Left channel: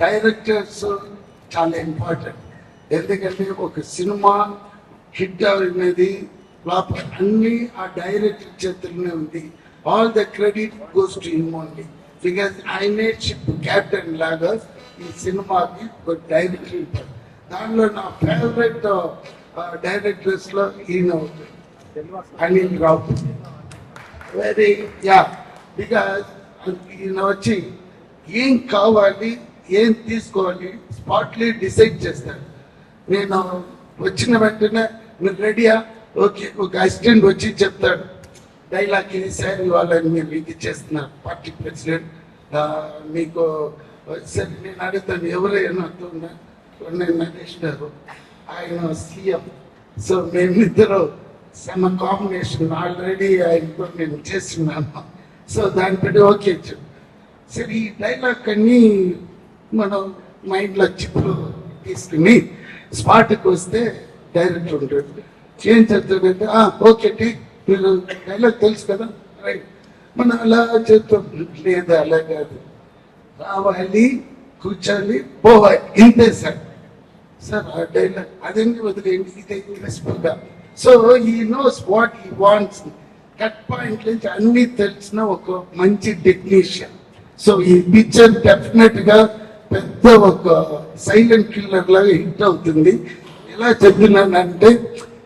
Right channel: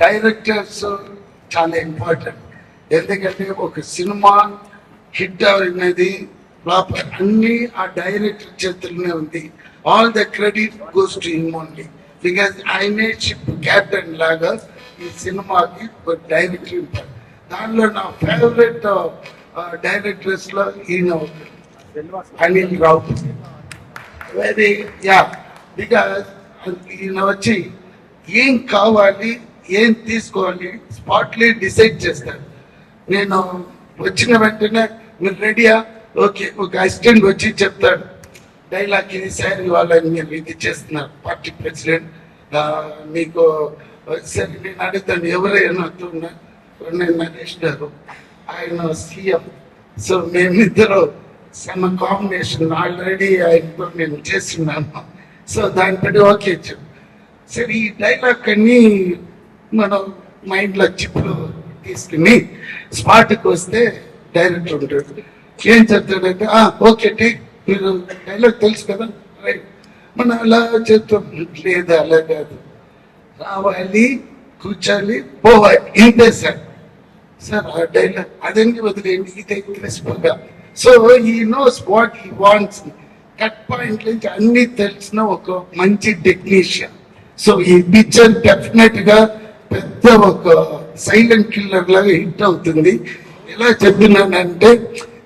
Directors చాలా important. ఎందుకంటే ఒక సినిమా హిట్ అనేది లోపల అన్ని ఆ డైరెక్టర్ చేతుల్లోనే ఉంది. All the credit goes to him only, because ఆయనే షిప్ క్యాప్టెన్ లాగా ఈ సినిమాకి ఒక డైరెక్టర్ ఉంటారు. దానిలో నా ఫేవరెట్ డైరెక్టర్స్ లో ఈయన అనిల్ రావు. వెరీ బికాస్ ఈయన వచ్చి ఏం కావాలి ఏం తీసుకోవాలి స్పాట్లీ డిసైడ్ చేస్తారు. నేను వచ్చిన వెంటనే మీరు రెడీయా, ఓకే, ఒక అసిస్టెంట్ వచ్చి చెప్తాడు డైలాగ్ ఇది సార్ వాళ్ళని మీరు ఇది చేస్తున్నారు పార్టీ ప్రెసిడెంట్ మీకు సరే నేను అడుగుతాను ఎవరైనా నేను నరేష్ గారు ఆయన సీఎం. సో మేమిద్దరు సమ కాంబినేషన్ ఆల్రెడీ ఆయనతో నేను చేస్తున్నాను. సో దానిపై ఓకే చెప్పు సరే ఈ డైలాగ్ అన్ని మనం మైండ్లో చిప్పు తీసుకుని స్పాట్కి వస్తే డైరెక్టర్ ఉంటాడు. ఏం చెప్తాడంటే ఓకే టేక్, మీరు డైలాగ్ తెలుసు కదా రైట్, మనం అలా చెప్తాం. లేదు అలా కాదు, రావాలి కూర్చోాలి పోవాలి ఇంతే సార్. సార్ ఆ డైలాగ్ అదండి వదిలేండి ఇదే క్రిస్పల్గా. సో ఈ knows what he wants. Cut point నుంచి అన్ని తెలిసిన ఒక మంచి టెక్నీషియన్. సో ఈ పిక్చర్ డెఫినెట్ గా పెద్ద ఒక సైలెంట్ కిల్లర్ లాగా హిట్ అవుతుంది. ఎలా చెప్తున్నానంటే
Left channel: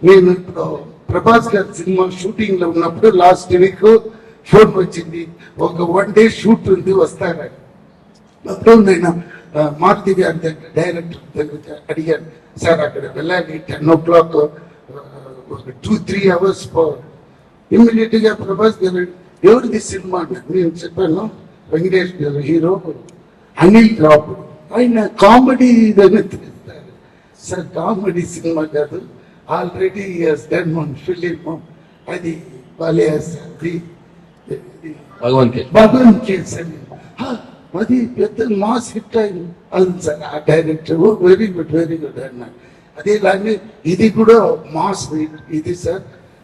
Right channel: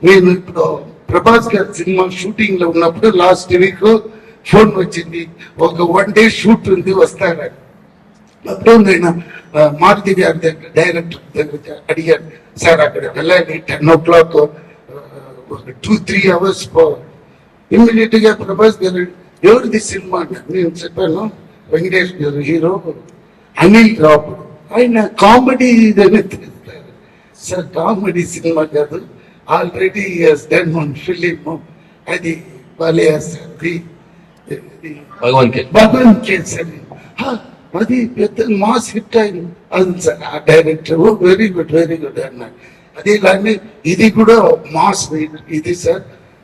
నేను ఇప్పుడు ప్రభాస్ గారి సినిమా షూటింగ్ లో ఉన్నప్పుడు లాస్ట్ వీక్ ఫోన్ వచ్చింది, ఒక 1 day షూట్ ఉంది వస్తారని. అప్పుడు నేను మారుతి గారి దగ్గర డైరెక్టర్ దగ్గర అడిగాను, సార్ అక్కడ వెళ్ళాలి 10 o'clock, ఒక 2-3 hours ఇమ్మీడియట్ గా ప్రభాస్ గారు ఎవరిది సినిమా నేను చెప్పాను, వెంకటేష్ గారు హీరో, అనిల్ రావు ఆయన కామెడీ తెలుస్తారు. సార్ కామెడీ సినిమా కాదు, ఆల్రెడీ డన్ వన్ ఫిలిం, అది భగవాన్ కేసరి, అది పెద్ద మాస్ హిట్ అయింది. అది సార్ ఆ డైరెక్టర్ వెరీ గుడ్ అన్నాడు. అదే కానీ ఇది కూడా మాస్ ఇది సార్,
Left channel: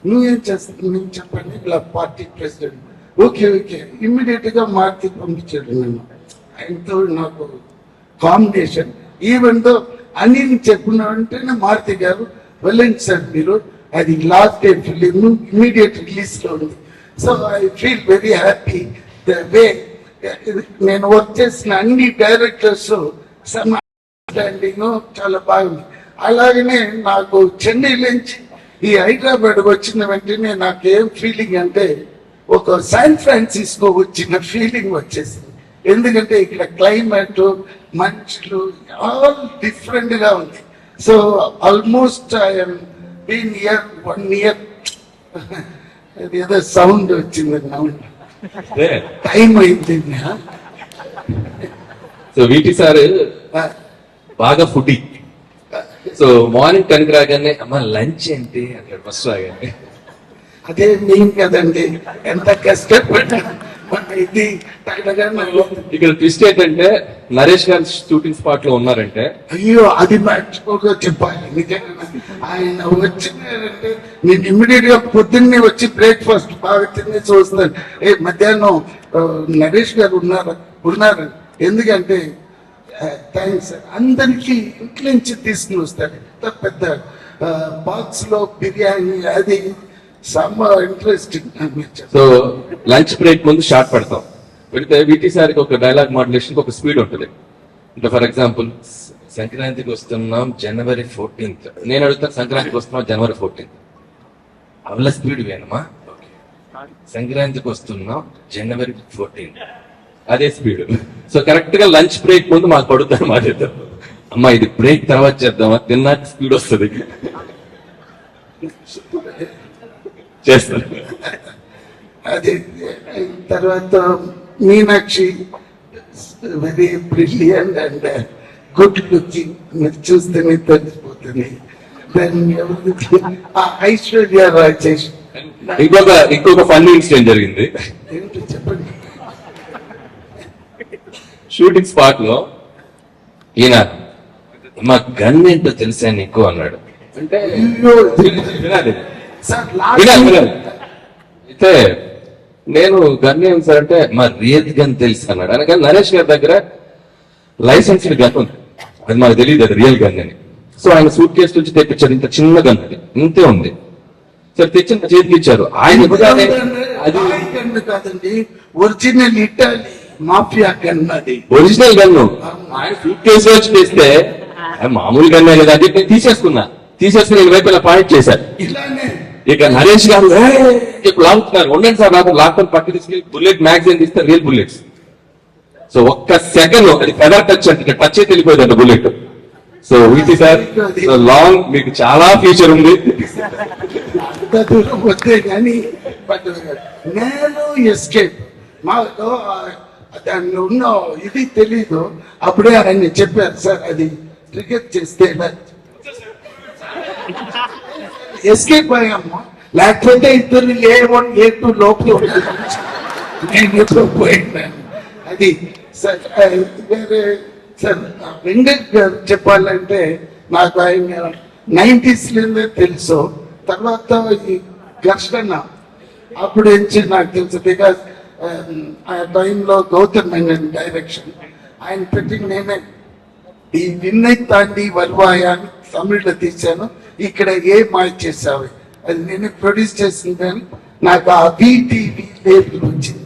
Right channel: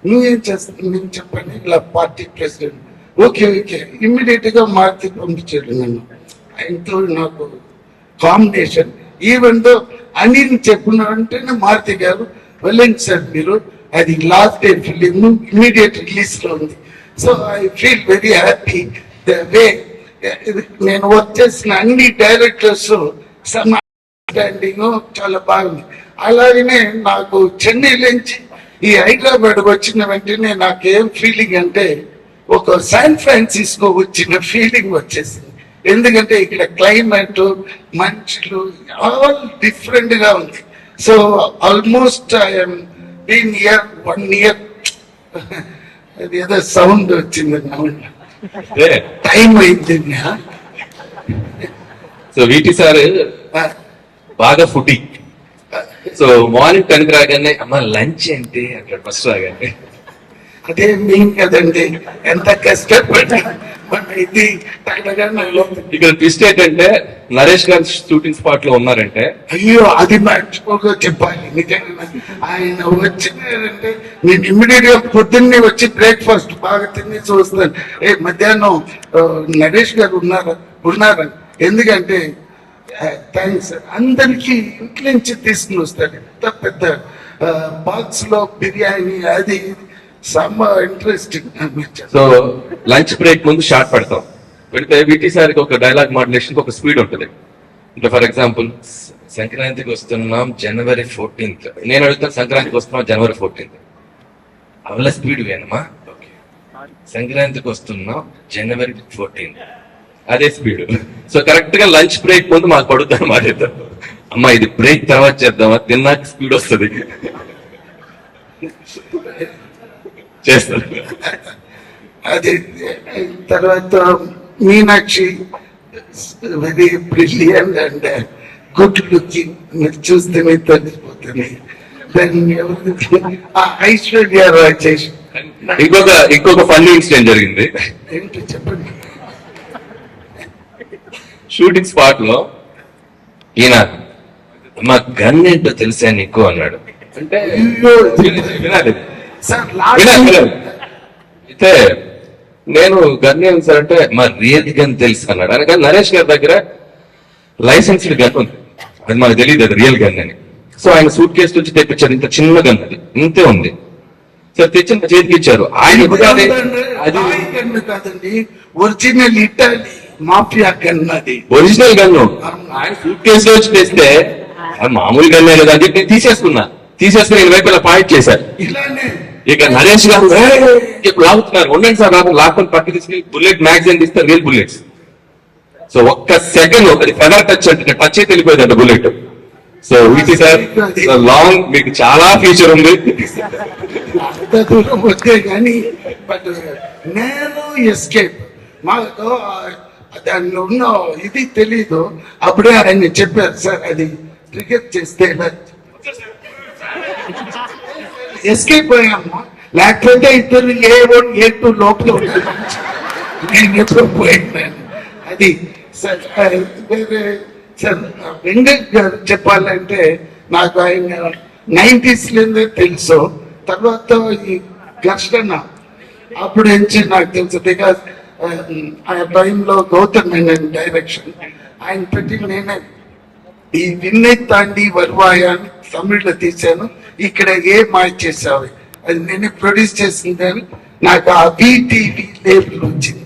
నువ్వేం చేస్తావు నేను చెప్పండి, ఇలా పార్టీ ప్రెసిడెంట్. ఓకే ఇమ్మీడియట్ గా మార్చి పంపించాడు నన్ను. ఆయనతో నాకు కాంబినేషన్ ఈవెన్ దో అనిల్ చెప్పినంటేనే మారుతి గారు వెళ్ళండి సార్ మీరు, అది last day film immediate release లో ఉంది. So I feel very happy the way నేను వర్క్ చేసిన అన్ని డైరెక్టర్స్ అండర్స్టాండింగ్ చాలా బాగుంది. అలాగనే నాకు చెన్నై నుంచి ఈ హైదరాబాద్ వచ్చిన వెంటనే నాకేం ఫీలింగ్ అంటే ఒక శాన్ ఫ్రాన్సిస్కో వచ్చిన ఫీలింగ్ వచ్చేసింది. ఎందుకంటే ఇక్కడ క్లైమేట్ మనుషులు ఆల్ డిఫరెంట్ గా ఉంది. So almost I'm been year 1 year. అది ఏదో సౌండ్ వచ్చింది టైం అయింది. సో వీటి సార్ బాగా ఫుడ్. సో మార్నింగ్ 10 రాగానే అమ్మ లంచ్ ఏంటి అక్కడ ఫస్ట్ రాగానే అదే మెయిన్ కదండి, ఎంత కష్టపడి ఇది. ఇక్కడ ట్విస్ట్ ఏంటంటే నరేష్ గారు షూటింగ్ స్పాట్ లో ఉన్నారంటే అయ్యో అది మర్చిపోక చెప్పాలి. నిజంగా ఆయన వచ్చినారంటే నేను ఇమ్మీడియట్ గా పొద్దున్నే వచ్చి బ్రేక్ఫాస్ట్ బాగా తినేసి వస్తాను. మధ్యాహ్నం నరేష్ గారు ఉన్నారని, ఎందుకంటే థ్యాంక్స్ అందరికి ఇంట్లో నుంచి తీసుకుని వస్తాడు. ఎంత పెద్ద బాక్స్ లో బిర్యానీ అది ఇంట్రెస్టింగ్. సో లంచ్ బ్రేక్ ముందు షార్ట్ పెడతాం, పెడితే వీటి సార్కి ఒక డైలాగ్ మాడ్యులేషన్ ఒక స్పీడ్ ఉంటుంది. అంటే ఫర్ ఎగ్జాంపుల్ సంక్రాంతికి వస్తున్నాం January 14th, నేను అడుగుతాను సంక్రాంతికి వస్తున్నాం January 14th, అవల స్పీడ్ వేనమా, సంక్రాంతికి వస్తున్నాం January 14th, అదే స్పీడ్. సో కరెక్ట్ గా లంచ్ బ్రేక్ ముందు మాకు పడుతుంది మాట్లాడతాం, అమ్మా ఇది బ్రేక్ తర్వాత చేద్దామా, తిన్నాక స్పీడ్ వస్తుంది చేస్తారు. అది తర్వాత Meenakshi very brilliant and good looking, మీరు చూస్తేనే తెలిసిపోతుంది. ఐశ్వర్య రాయ్ చేసి ఇంకొక ఫన్నీ ఇన్సిడెంట్ జరిగింది. ఏంటి చెప్పండి. షూటింగ్ స్పాట్ లో ఈయన మా గన్ ఏంటో తెలిసా నీకు అన్నాడు. అంటే వినాలి అయితే నేను గన్ ఏం సార్ అంటే మా రియల్ గన్ తెలుసు అన్నాడు. అనగా నరేష్ గారి దగ్గర లైసెన్స్డ్ గన్ ఉంది, అది మనకు తెలియదు అది రియల్ గన్ అని. సో ఆయన సూట్ కేసు నుంచి తెప్పించారు, ఇంత చిన్న గన్ అది, ఇంతే ఉంది. సార్ తెచ్చిన చేతికి ఇచ్చారు. ఆయన ఇవ్వగానే అది గన్ను కాదండి, ఒరిజినల్ ఇటాలీ మాఫియా గన్ అది. ఒరిజినల్ గన్ ఆయన సూట్ కేసులో వచ్చి తెస్తే అది మామూలు గన్నే కదా అని చెప్పి నేను తీసేసుకుని నేను వైపు ఇలా పాయింట్ చేశారు. ఇలానే ఇక నరేష్ గారు ఇప్పుడు లాగుతున్నారు, ఉండండి సార్ రాకుండా లాక్కొని పక్క తీసుకుని బుల్లెట్ మ్యాగజైన్ తీస్తారు, రియల్ బుల్లెట్స్. సో ఒక్క సెకండ్ ఒకటి ఫెదర్ టచ్ అంటే టచ్ అయితే వెళ్ళిపోయిందండి బుల్లెట్. సో వీటి సార్ లాంగ్ మీకు చాలా ఫ్యూచర్ ఉంది. అంత దూరం వస్తే కానీ బట్ నేను ఎస్కేప్ మాకు దానిలో ఉన్న ఇది తెలీదు. అప్పుడే ఆయన చెప్పారు సార్ అది క్రికెట్ చేస్తే ఎస్కేప్ అయ్యాము, లేకపోతే ఇద్దరు A1 A2 లోపల ఉంటారు. నేను ఎప్పుడు పోయినాను అది సార్. వేరే సార్ వెంకట్ గారు చెప్పాలంటే నాకు ఆయన 90s లోనే తెలుసు. తర్వాత ఈ ఘర్షణ అప్పుడు నుంచి నాకు తెలుసు, బికాస్ ఆ టైంలో గౌతమ్ మేనన్ డైరెక్షన్ ఆయన పెట్టి నేనే ఈ విన్నై తాండి వర్వాయ తమిళ్లో తీశాను, ఇక్కడ ఏ మాయ చేసావు అది నేను ప్రొడ్యూస్ చేసింది. నాకు ఆ BTV లేబుల్ వచ్చింది,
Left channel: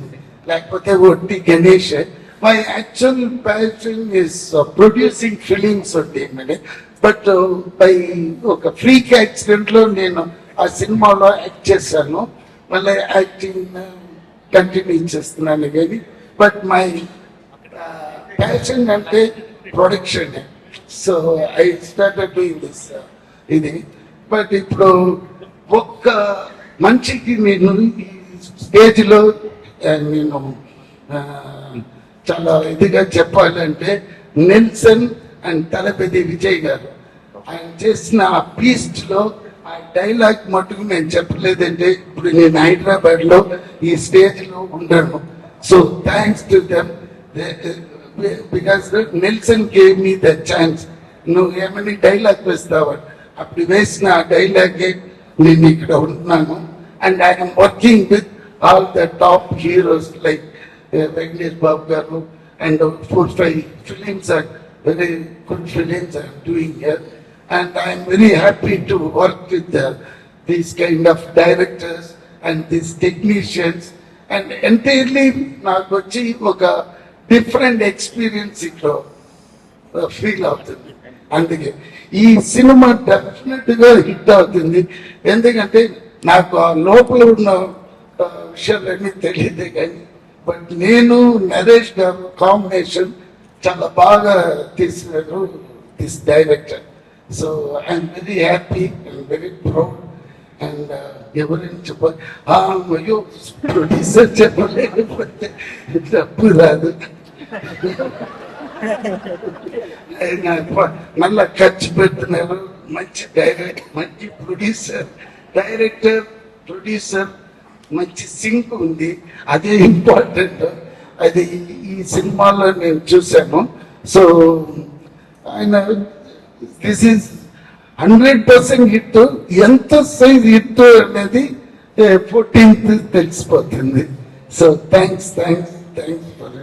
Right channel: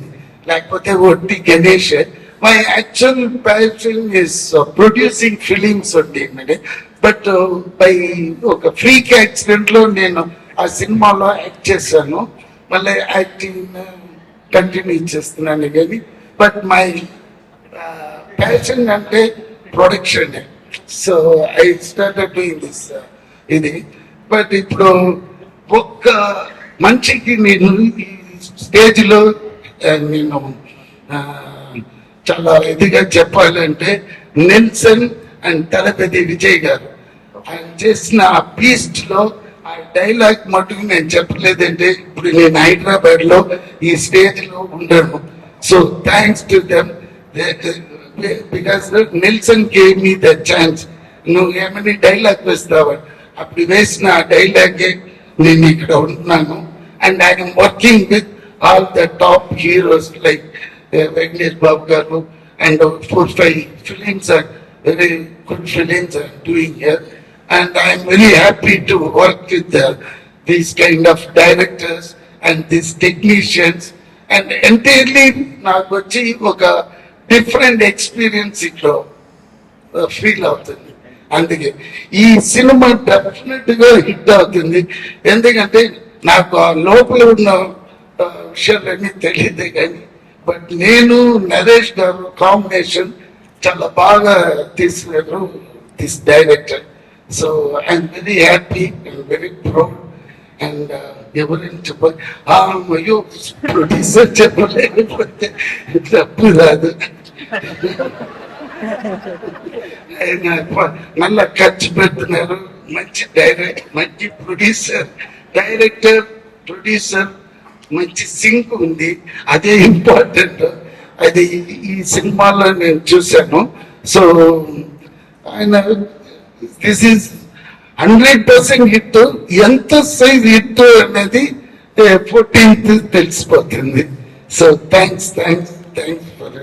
లేకపోతే ఒట్టి Ganesh. My actual passion is producing films only, but by ఒక ఫ్రీక్ యాక్సిడెంట్ లో నేను ఆ సినిమాలో యాక్ట్ చేశాను. మళ్ళీ యాక్టింగ్ కంటిన్యూ చేస్తున్నాను కానీ బట్ మై ప్యాషన్ అంటే production. So I started doing this ఇది. బట్ ఇప్పుడు ఒక్క మనిషికి నేను ఈ స్టేజ్ లో నేను చాలా ఇదిగా చెప్పాలంటే నెల్సన్ అండ్ తలపతి విజయ్ గారు ఆయన చేసిన ఆ బీస్ట్ లో ఆ డైలాగ్ మటుకు నేను చెప్పలేదంటే ఇప్పుడు నేను హైదరాబాద్ లో ఈ స్టేజ్ లో ఉండను. So thanks to them because Nelson gave me the chance. నువ్వు ఏమని డైలాగ్ వేస్తావా, అప్పుడు వేసిన ఆ డైలాగ్ నేను ఇక్కడ ఉంటున్నాను. And I'm working with all the top heroes like Venkatesh Babu గారు and 4-5 films are very good films are doing here. And I am very happy to work with these kind of directors and these technicians. And entirely నాకు వచ్చి ఒక different experience ఇక్కడ feel అవుతుంది. అందుకే ఈ cinema definite గా hit అవుతుంది. ఎందుకంటే నాకు ఆ లోపల ఉన్న విషయాలన్నీ తెలియదు కానీ బట్ నేను నరేష్ గారు కాంబినేషన్ చాలా బాగా తీసినారు this director. So I'm very happy and very proud. And ఎవరైనా చెప్పాలి అయ్యో ప్రొడ్యూసర్ చెప్పలేకపోతే తప్పు రాదు. మళ్ళా ఖర్చు పెడుతున్నారు. మంచి మంచి డైరెక్టర్ ప్రొడ్యూసర్ మంచి సింక్ ఉంది, అదే ఇంపార్టెంట్. అది ఈ సినిమాలో నేను చూశాను. సో ఆయన దిస్ ఈజ్ 100% హిట్. ఎంత సైజ్ హిట్ అనేది 14th తెలిసిపోతుంది. So thanks for